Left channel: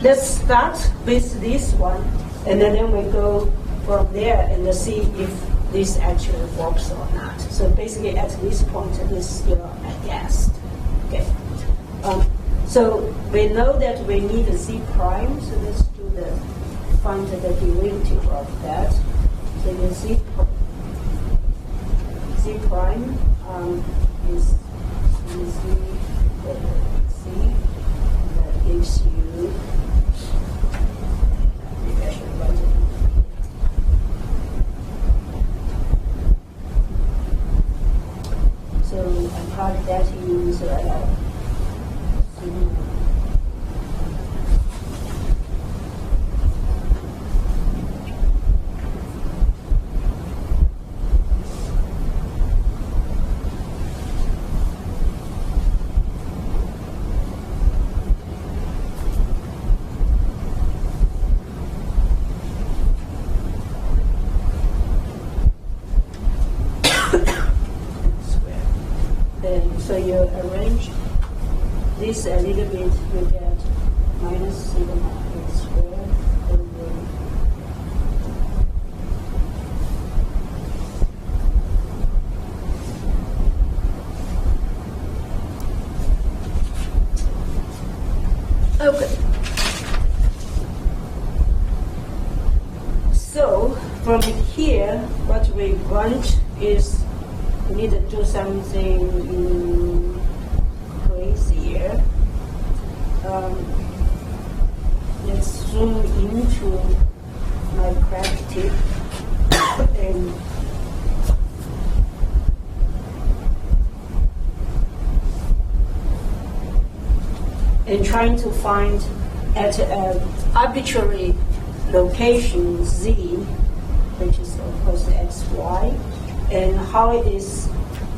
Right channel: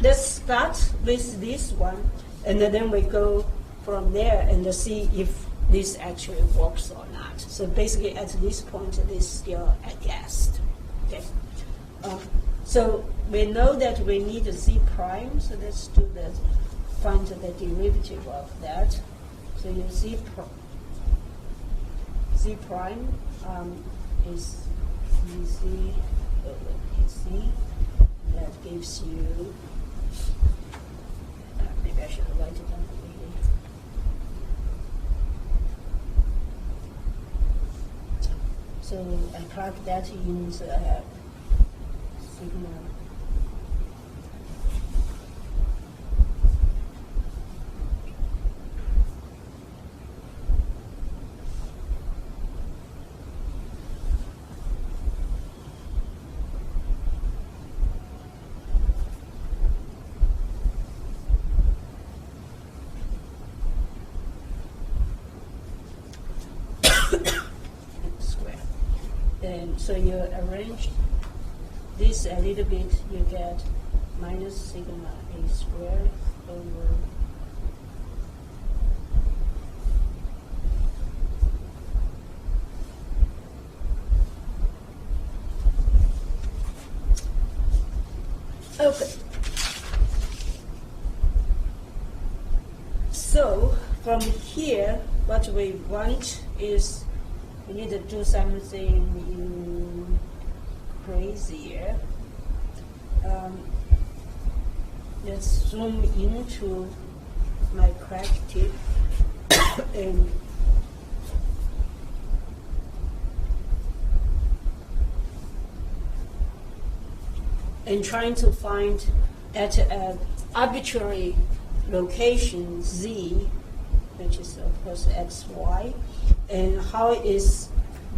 let's start with this one, and then we go from there and see if this actually works or not. So basically, at this point, it is still a guess. Okay. So we know that we need a z prime. So let's do find the derivative of that. So you z prime is z that gives you. Maybe I should write it. So I part that use so you arrange this a little bit, you get minus sigma a squared over okay. So from here, what we want is we need to do something crazier. Let's zoom into my crack tip and trying to find at an arbitrary location z, which is of course xy, and how is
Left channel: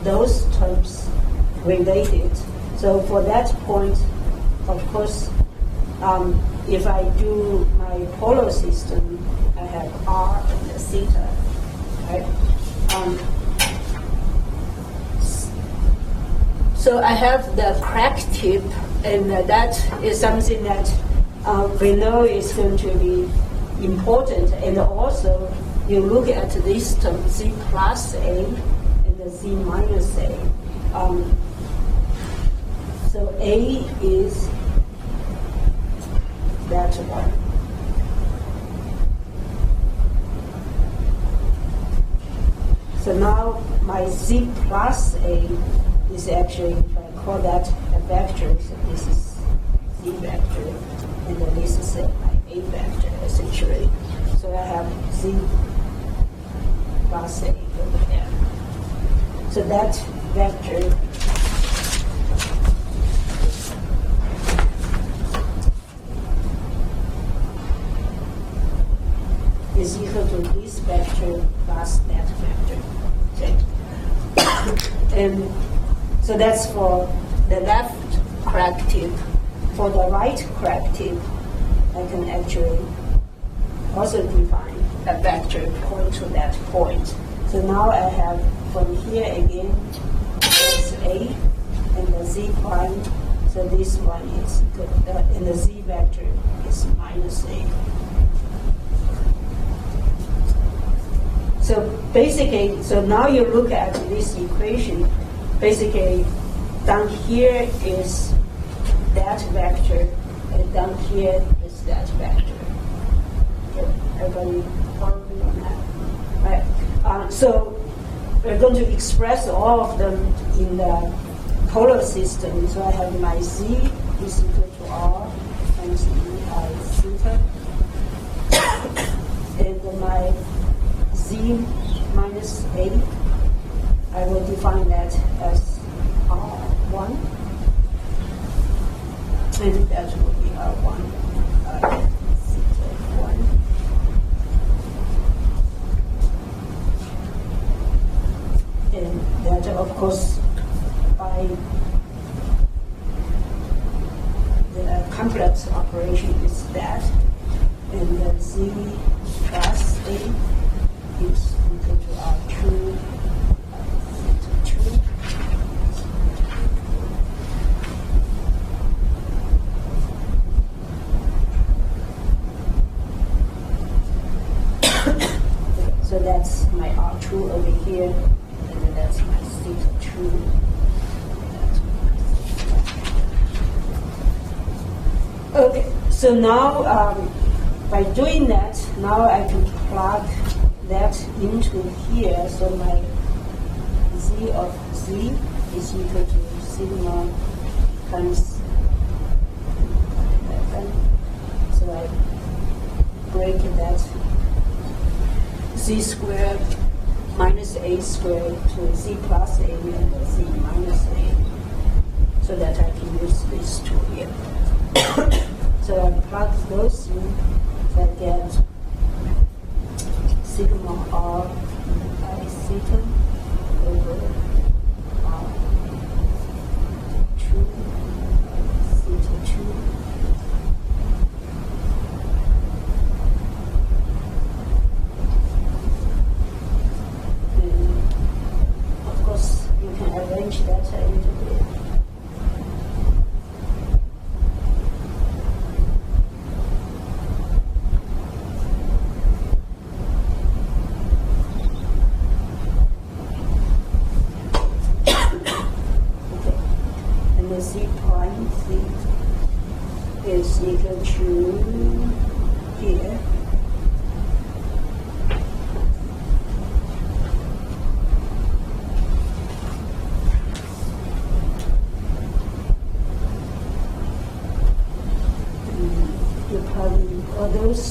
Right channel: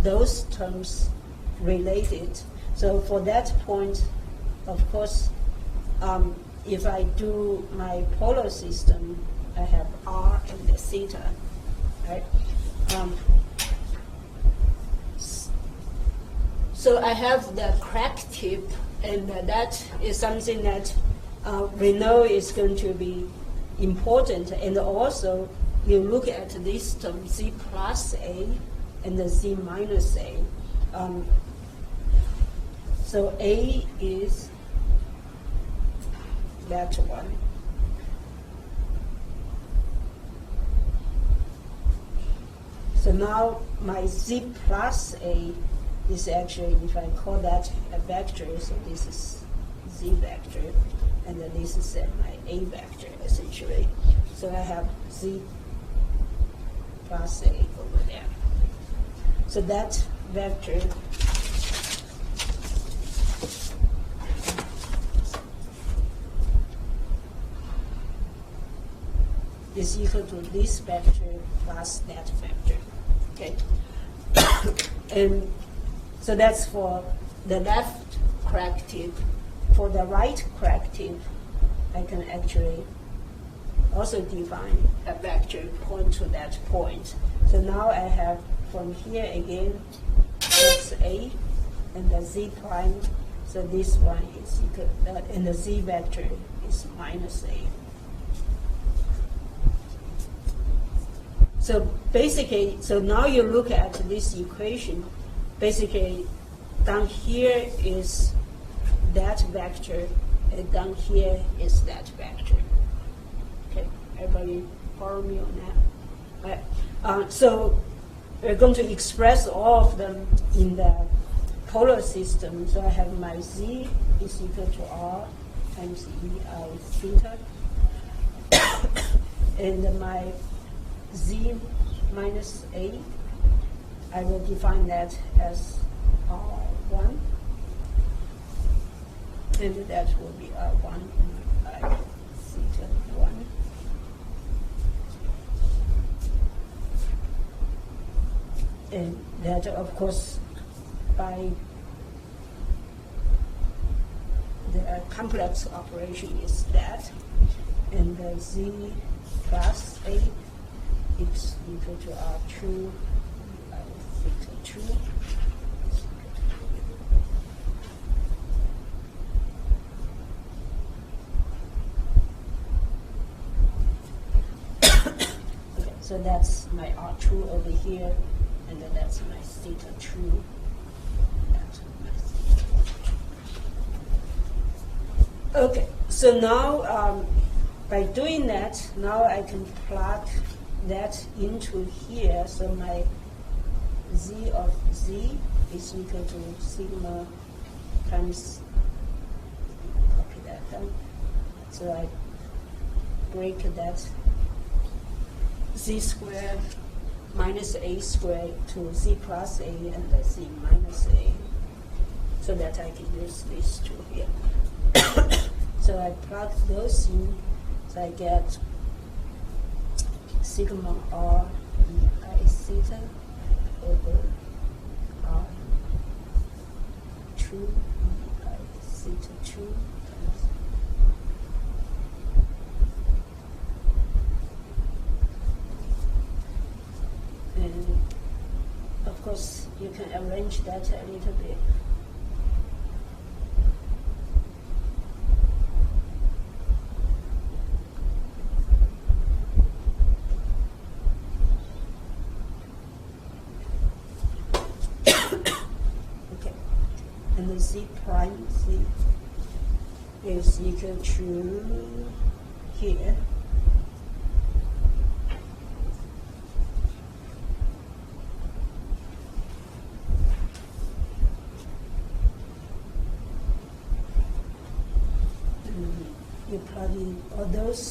those terms related. So for that point, of course, if I do my polar system, I have r and theta, right? So I have the crack tip, and that is something that we know is going to be important. And also, you look at this term, z plus a and the z minus a. So a is that one. So now my z plus a is actually, if I call that a vector, so this is z vector, and then this is my a vector, essentially. So I have z plus a over there. So that vector is equal to this vector plus that vector. Okay. And so that's for the left crack tip. For the right crack tip, I can actually also define a vector point to that point. So now I have from here again, it's a and the z prime. So this one is equal, and the z vector is minus a. So basically, so now you look at this equation, basically down here is that vector, and down here is that vector. Okay, everybody follow me on that? Right. So we're going to express all of them in the polar system. So I have my z is equal to r times theta, and my z minus a, I will define that as r1, and that will be r1, theta 1. And that, of course, by the complex operation is that, and the z plus a is equal to R2, theta 2. that's my R2 over here, and then that's my theta 2. Okay, so now by doing that, now I can plug that into here. So my z of z is equal to sigma times. So I break that z squared minus a squared to z plus a and z minus a, so that I can use these two here. So I plug those in, so I get sigma r by theta over r 2 by theta 2. And of course, you can arrange that a little bit. Is equal to here. You plug in all those,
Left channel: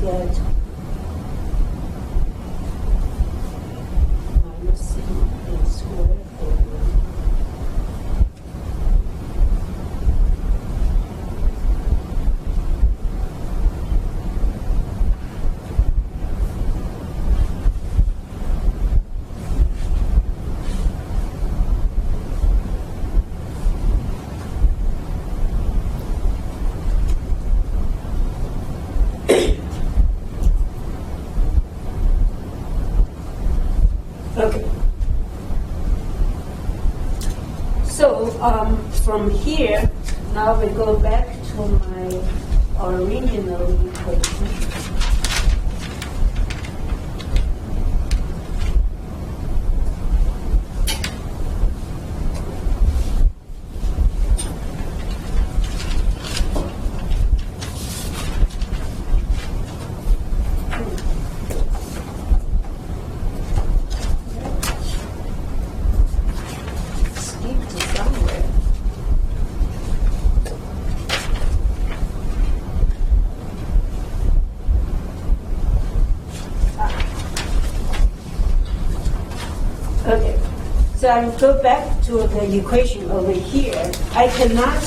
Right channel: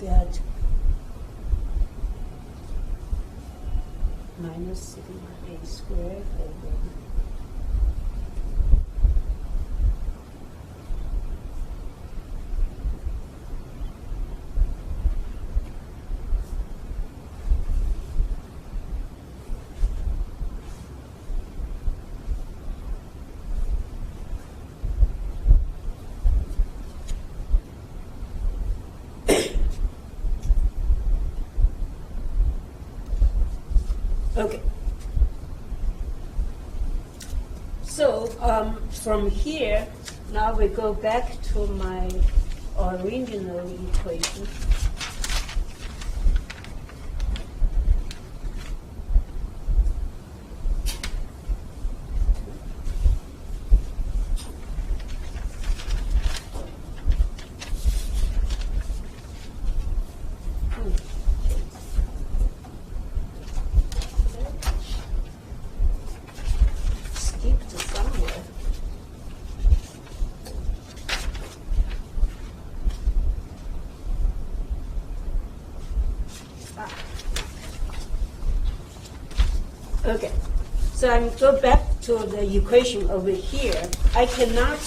get minus sigma a squared over okay. So from here, now we go back to my original equation. Okay, so I go back to the equation over here. I cannot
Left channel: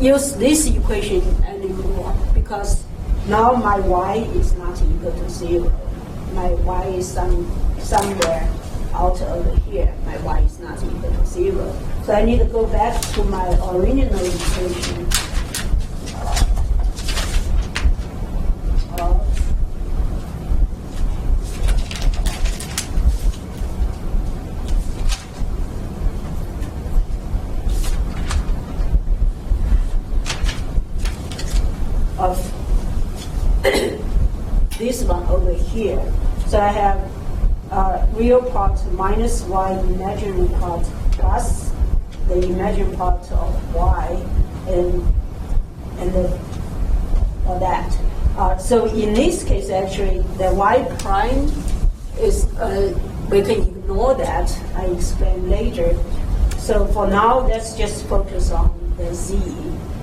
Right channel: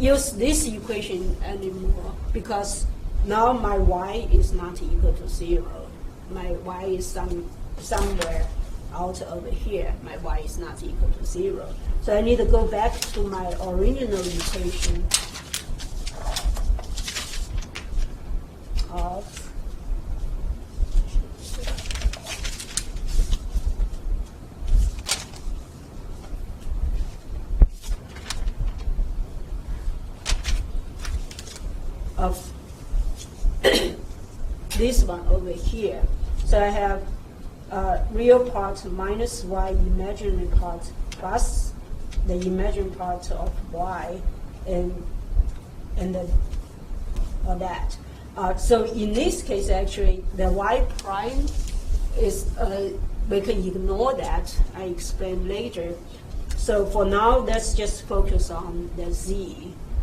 use this equation anymore because now my y is not equal to 0. My y is somewhere out over here. My y is not equal to 0. So I need to go back to my original equation of this one over here. So I have real part minus y imaginary part plus the imaginary part of y and that. So in this case, actually, the y prime is, we can ignore that. I explain later. So for now, let's just focus on the z.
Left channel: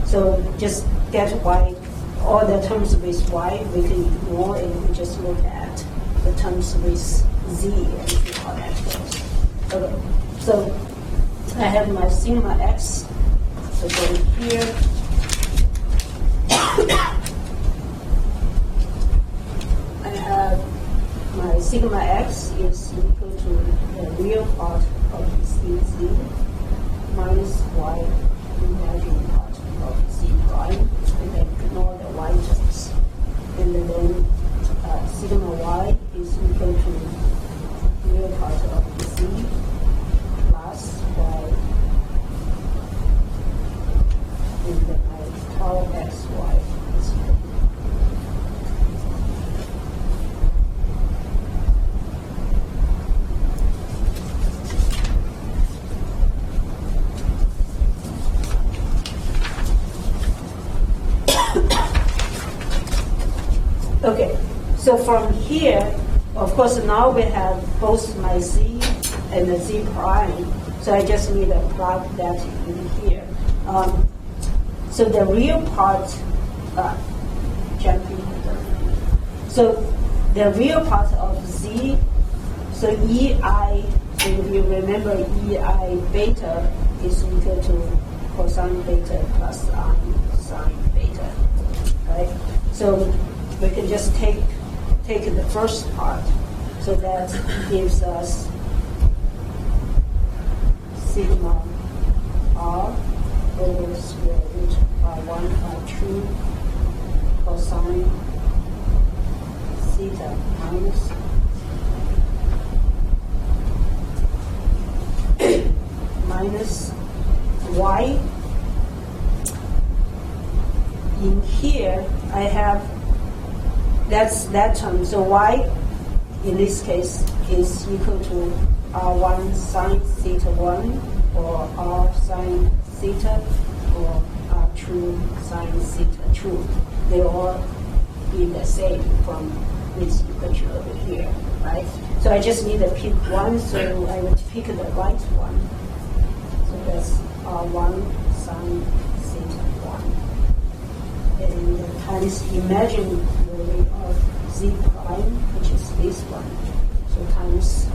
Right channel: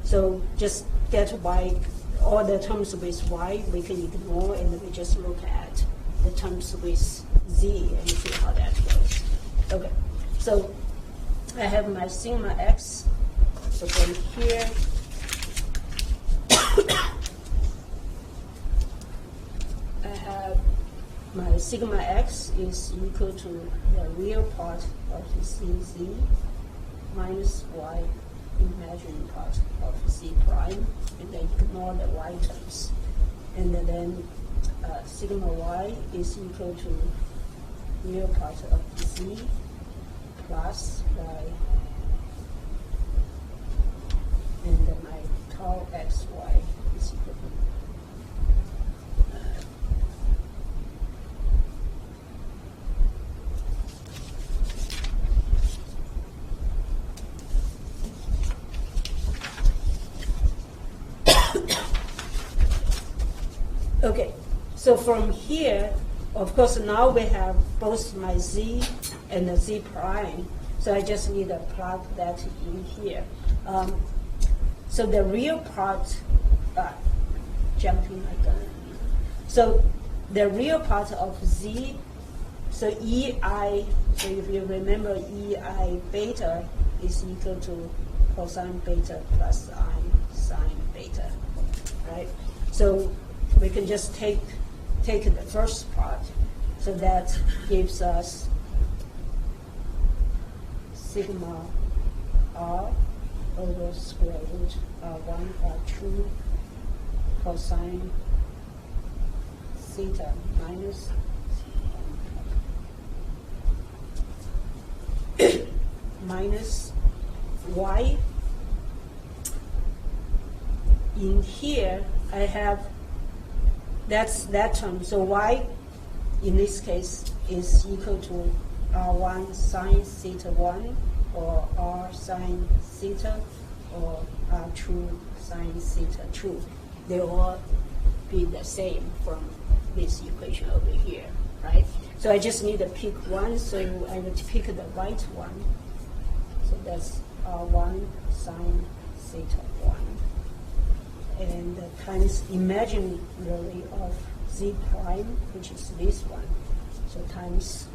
So just get y, all the terms with y we can ignore, and we just look at the terms with z and see how that goes. Okay, so I have my sigma x, so over here. I have my sigma x is equal to the real part of z minus y imaginary part of z prime, and then ignore the y terms. And then sigma y is equal to the real part of z plus y, and then I tau xy is equal. So from here, of course, now we have both my z and the z prime. So I just need to plug that in here. So the real part, jumping. So the real part of z, so ei, if you remember ei beta is equal to cosine beta plus sine beta, right? So we can just take the first part. So that gives us sigma r over square root 1 by 2 cosine theta minus y. In here, I have that's that term. So y, in this case, is equal to r1 sine theta 1, or r sine theta, or r2 sine theta 2. They all be the same from this equation over here, right? So I just need to pick one, so I would pick the right one. So that's r1 sine theta 1. And times imaginary of z prime, which is this one. So times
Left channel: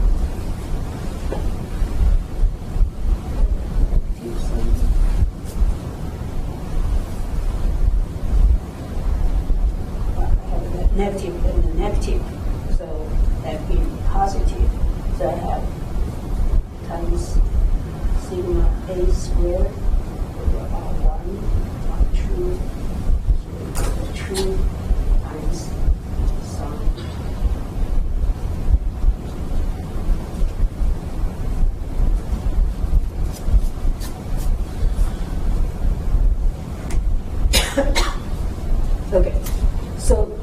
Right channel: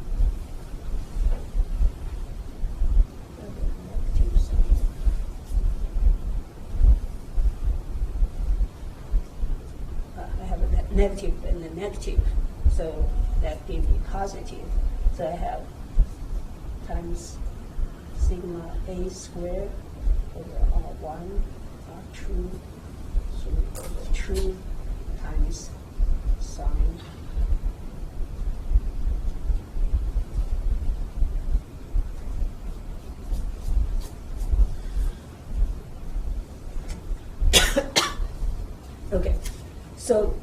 negative and a negative, so that gives me positive. So I have times sigma a squared over r1 r2, so 2 times sine. Okay, so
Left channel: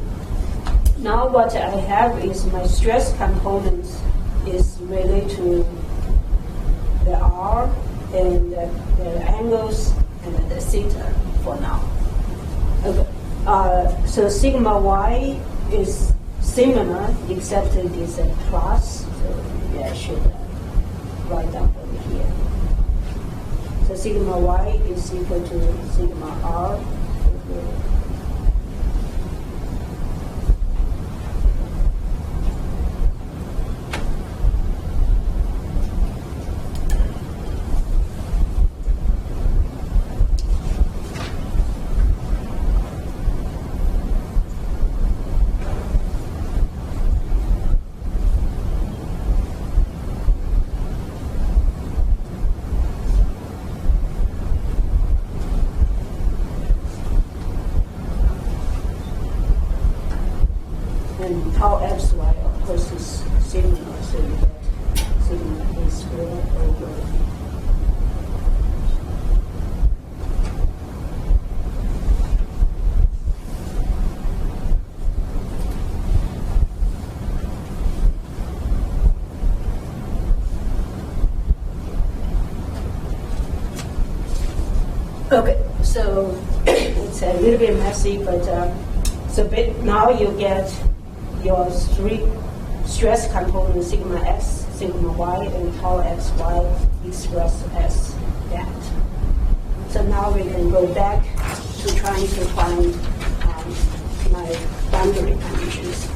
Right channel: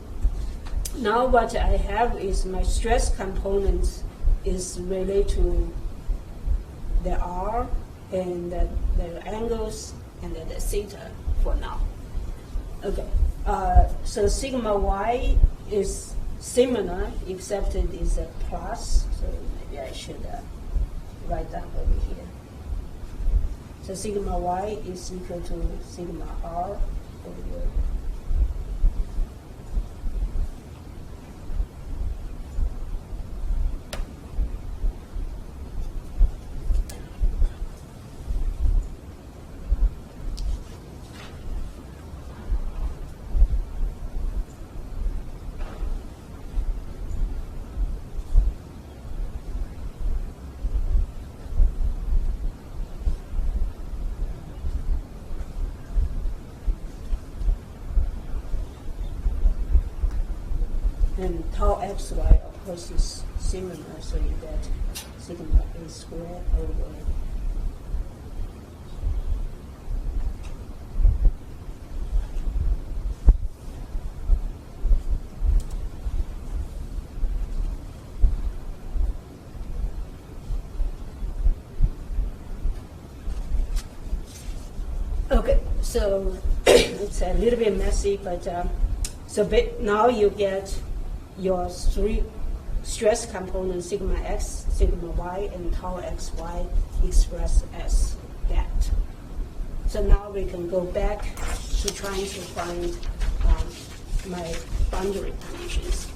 now what I have is my stress component is related to the R and the angles and the theta for now. Okay. So sigma y is similar, except it is a plus, so maybe I should write down over here. So sigma y is equal to sigma r over and tau xy, of course, is sigma, so you get sigma a squared over okay, so it's a little bit messy, but now you get your three stress components, sigma x, sigma y, and tau xy expressed as that. So now we can go back to trying to find my boundary conditions.